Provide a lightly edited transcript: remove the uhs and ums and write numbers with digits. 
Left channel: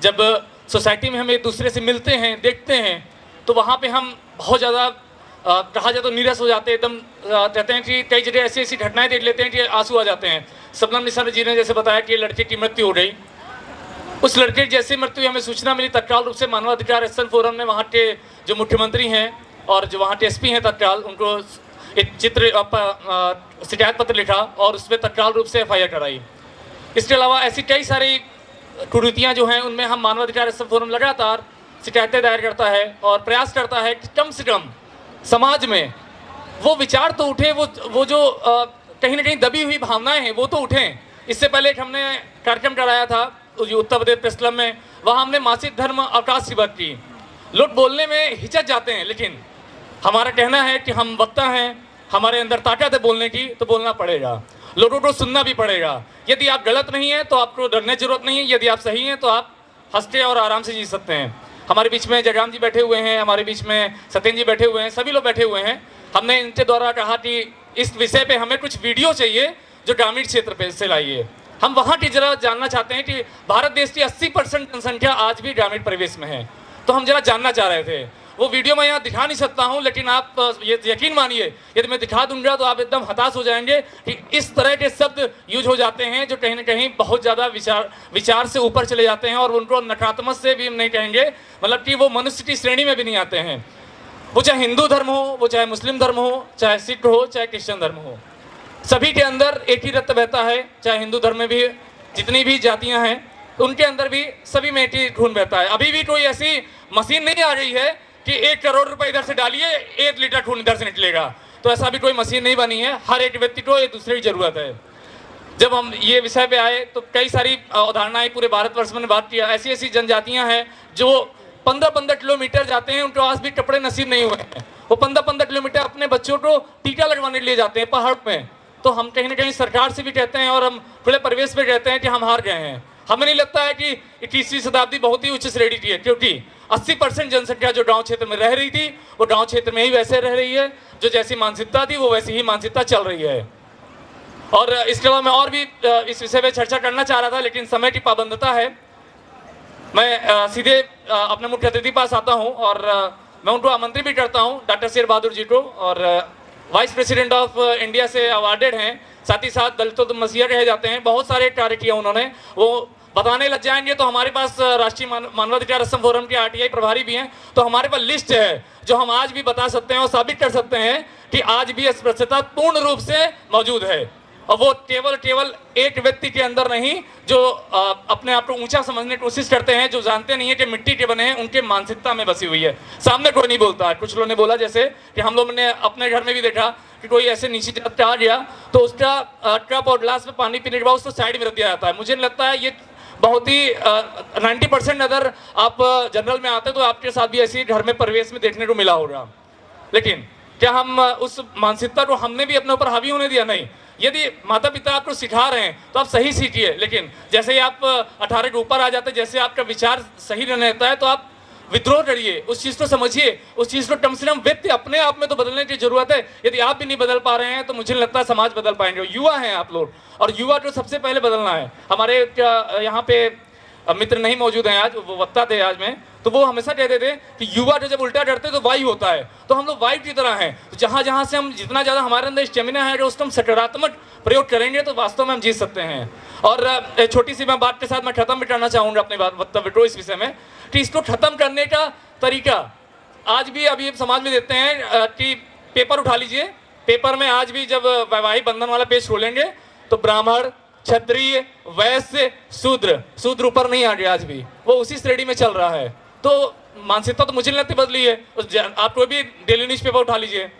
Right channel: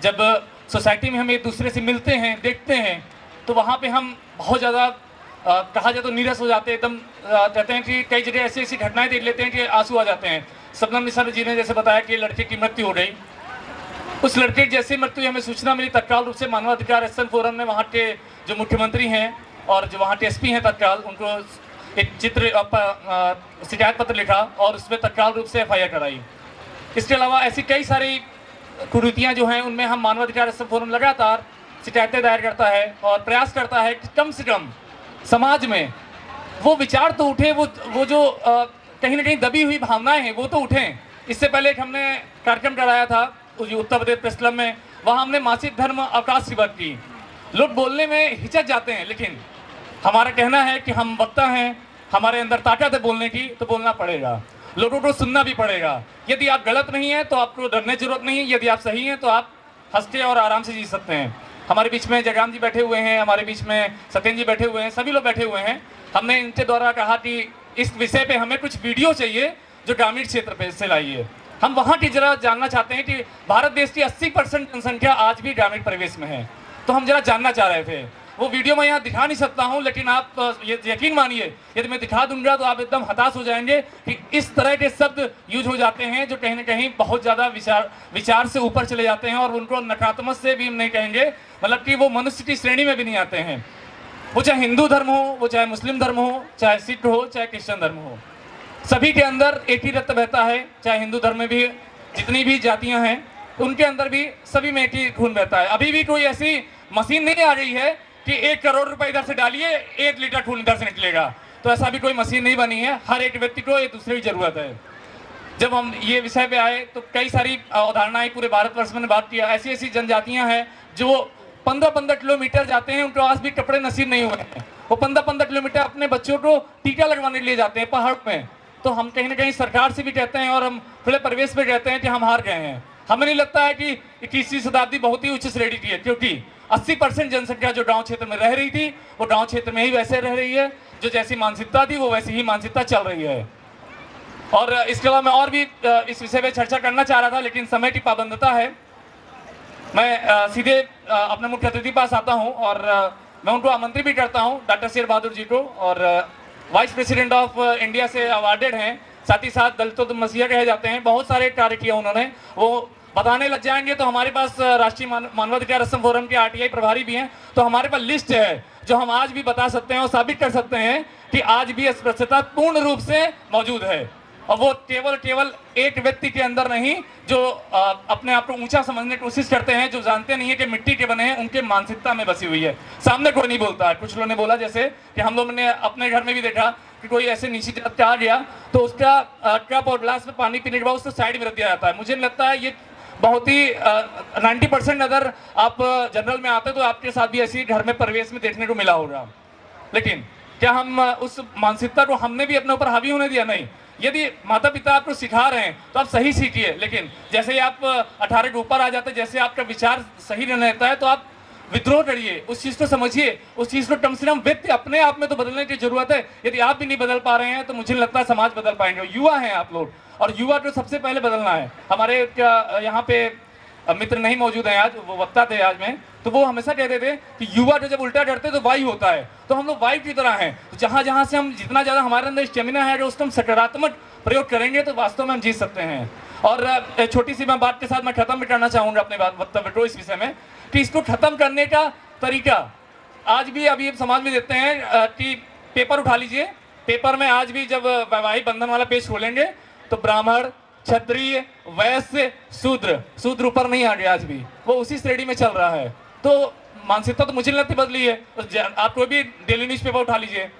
जब सोसाइटी में हम एक दूसरे से मिलते हैं, देखते हैं, तो वहाँ पे हम बहुत ज़्यादा कहा जाए तो नीरस हो जाते हैं, एकदम कहते हैं कि कई जगह ऐसी ऐसी घटनाएं देख लेते हैं कि आंसू आ जाते हैं। शबनम निसार जी ने जैसे बताया कि लड़के की मृत्यु हो गई, उस लड़के की जैसे मृत्यु हमें सूचना मिली, तत्काल रूप से मानवाधिकार एक्शन फोरम ने वहाँ के जो मुख्यमंत्री हैं और जो वहाँ के एसपी हैं तत्काल उनको एक शिकायत पत्र लिखा और उस पर तत्काल रूप से FIR कराई। इसके अलावा ऐसी कई सारी कुरीतियाँ जो हैं उनमें हम मानवाधिकार एक्शन फोरम लगातार शिकायतें दायर करता है और प्रयास करता है कि कम से कम समाज में वो विचार तो उठे, वो जो कहीं ना कहीं दबी हुई भावनाएं हैं वो तो उठें। इससे पहले एक हमने कार्यक्रम कराया था उत्तर प्रदेश प्रेस क्लब में, वहाँ हमने मासिक धर्म अवकाश की बात की। लोग बोलने में हिचक जाते हैं, लेकिन हमारा कहना है कि हम वक्ता हैं, हमारे अंदर ताकत है बोलने की, तो बोलना पड़ेगा, लोगों को सुनना भी पड़ेगा। यदि आप गलत नहीं हैं तो आपको डरने की जरूरत नहीं है, यदि आप सही हैं तो आप हंसते और आराम से जी सकते हैं। हमारे बीच में जयराम जी बैठे हुए हैं, हमारे बीच में सत्येंद्र जी बैठे हुए हैं, सभी लोग बैठे हुए हैं। हमने इनके द्वारा कहा कि इस विषय पे हमें कुछ वीडियो चाहिए जो ग्रामीण क्षेत्र पे से लाइए। हम वहाँ की जरा जानना चाहते हैं कि भारत देश की 80% जनसंख्या आज भी ग्रामीण परिवेश में है, तो हम जरा जानना चाह रहे थे। वो वीडियो मैं यहाँ दिखा नहीं सकता हूँ, लेकिन आप यकीन मानिए यदि मैं दिखा दूंगा तो आप एकदम हताश हो जाएंगे कि इस तरह के शब्द यूज हो जाते हैं जो कहीं ना कहीं बहुत ज़्यादा विचार से ऊपर चले जाते हैं और उनको नकारात्मक से भी हम नहीं कहेंगे, मतलब कि वो मनुष्य की श्रेणी में भी नहीं आते हैं। वो चाहे हिंदू धर्म हो, वो चाहे मुस्लिम धर्म हो, चाहे सिख हो, चाहे क्रिश्चियन धर्म हो, सभी के अंदर एक ही रक्त बहता है। चाहे हिंदू धर्म में भी जितनी भी जातियाँ हैं उनके अंदर भी सभी में एक ही खून बहता है। अभी भी कोई ऐसी मशीन नहीं आ गई है कि 1 करोड़ रुपए इधर से डालिए 1 लीटर खून इधर से निकलेगा, तो ऐसा भी कोई मशीन नहीं बनी है। हर एक व्यक्ति को एक दूसरे की जरूरत है। जब हम ये विषय पे आए तो कई सारी अवधारणाएं पूरे भारतवर्ष में बात किया। ऐसी ऐसी जनजातियां हैं जो 15-15 किलोमीटर जाते हैं, उनको आज भी कपड़े नसीब नहीं हुए हैं। वो 15-15 किलोमीटर अपने बच्चों को टीका लगवाने के लिए जाते हैं पहाड़ में। तो हम कहीं ना कहीं सरकार से भी कहते हैं और हम खुले परिवेश में कहते हैं कि हम हार गए हैं। हमें नहीं लगता है कि 21वीं शताब्दी बहुत ही उच्च श्रेणी की है, क्योंकि 80% जनसंख्या जो गांव क्षेत्र में रह रही थी वो गांव क्षेत्र में ही वैसे रह रही है। जो जैसी मानसिकता थी वो वैसी ही मानसिकता चल रही है। और इसके अलावा मैं और भी इस विषय पे चर्चा करना चाह रहा था, लेकिन समय की पाबंदता है। मैं सीधे अपने मुख्य अतिथि पास आता हूँ और मैं उनको आमंत्रित भी करता हूँ, डॉक्टर शेर बहादुर जी को, और वाइस प्रेसिडेंट ऑफ इंडिया से अवार्डेड हैं, साथ ही साथ दलितों मसीहा कहे जाते हैं। बहुत सारे कार्य किया उन्होंने, वो बताने लग जाएंगे। तो हमारे पास राष्ट्रीय मानवाधिकार असम फोरम के RTI प्रभारी भी हैं, तो हमारे पास लिस्ट है जो हम आज भी बता सकते हैं और साबित कर सकते हैं कि आज भी अस्पृश्यता पूर्ण रूप से मौजूद है। और वो केवल एक व्यक्ति के अंदर नहीं, जो अपने आप को ऊंचा समझने की कोशिश करते हैं, जो जानते नहीं है कि मिट्टी के बने हैं, उनके मानसिकता में बसी हुई है। सामने कोई नहीं बोलता है। कुछ लोगों ने बोला जैसे कि हम लोगों ने अपने घर में भी देखा कि कोई ऐसे नीचे जात आ गया तो उसका कप और ग्लास में पानी पीने के बाद उसको साइड में रख दिया जाता है। मुझे लगता है ये बहुत ही 90% अगर आप जनरल में आते तो आपके साथ भी ऐसी घर में परिवेश में देखने को मिला होगा। लेकिन क्या हम उस मानसिकता को हमने भी अपने ऊपर हावी होने दिया? नहीं। यदि माता पिता आपको सिखा रहे हैं तो आप सही सीखिए, लेकिन जैसे ही आप 18 के ऊपर आ जाते हैं, जैसे आपका विचार सही नहीं रहता है तो आप विद्रोह करिए, उस चीज़ को समझिए, उस चीज़ को कम से कम व्यक्ति अपने आप में तो बदलने की जरूरत है। यदि आप भी नहीं बदल पा रहे हैं तो मुझे लगता है समाज बदल पाएंगे। युवा हैं आप लोग, और युवा को सबसे पहले बदलना है। हमारे यहाँ पे मित्र नहीं मौजूद हैं आज, वो वक्ता थे आज में, तो वो हमेशा कहते थे कि युवा जो जब उल्टा करते तो वायु होता है। तो हम लोग वायु की तरह हैं, जहाँ जहाँ से हम जितना ज़्यादा हमारे अंदर स्टेमिना है, जो उसको हम सकारात्मक प्रयोग करेंगे तो वास्तव में हम जीत सकते हैं। और छोटी सी मैं बात के साथ मैं खत्म भी करना चाहूँगा अपने वक्तव्य को इस विषय में, कि इसको खत्म करने का तरीका आज भी अभी समाज में देते हैं कि पेपर उठा लीजिए, पेपर में आज भी जब वैवाहिक बंधन वाला पेज खोलेंगे तो ब्राह्मण, क्षत्रिय, वैश्य, शूद्र ऊपर नहीं आ गया, आज भी वो उसी श्रेणी में चल रहा है। तो मानसिकता तो मुझे नहीं लगती बदली है। आप कोई भी डेली न्यूज़पेपर उठा लीजिए,